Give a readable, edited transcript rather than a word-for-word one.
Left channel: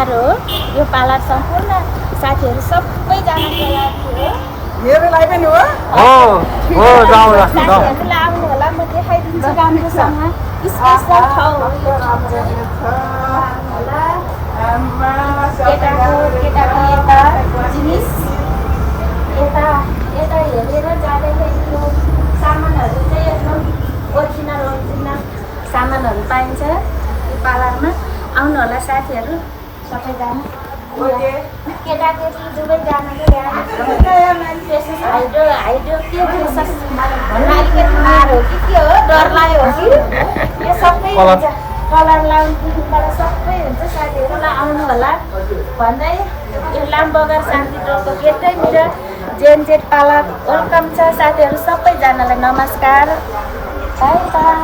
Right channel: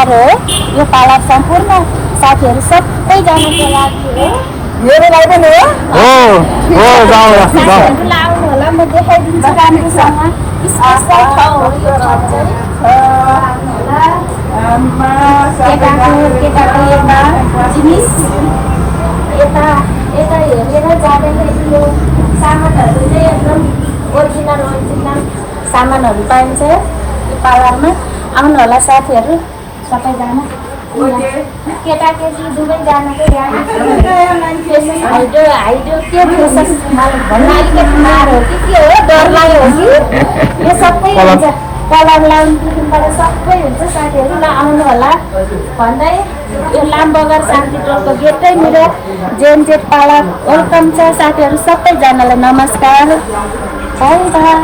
Parlour हो। यो parlour सम्पूर्ण साथीहरू सबैजनाको लागि हो। मेरो लागि पनि हो साथीहरूलाई आउनु होला, म देखाइदिन्छु राम्रोसँग। स्पेसल ठाउँ हो यो घर चाहिँ। आउनु होला। केटाको यता जिनिस यता हेरेर जाँदाखेरि यो सामानहरू चाहिँ एकदम ओरिजिनल सामानहरू पाइन्छ यो पार्लरमा। आउनु होला साथीहरू सबैजना। केटाकेटी दुवैजनाको हाइड्रो के फेसस भन्नु अलिकति मार हो कि के हो, डर लाग्यो हो कि यो सबै हुन्छ। कलर लाउनुबाट सबै हुन्छ साथीहरू। ल आउनु होला भन्दै यो लामबगर शान्ति टोलको गेटैनिर जेनजेट पार्लर वेलकम छ साथीहरू सबैजनालाई। नमस्कार, बाई बाई।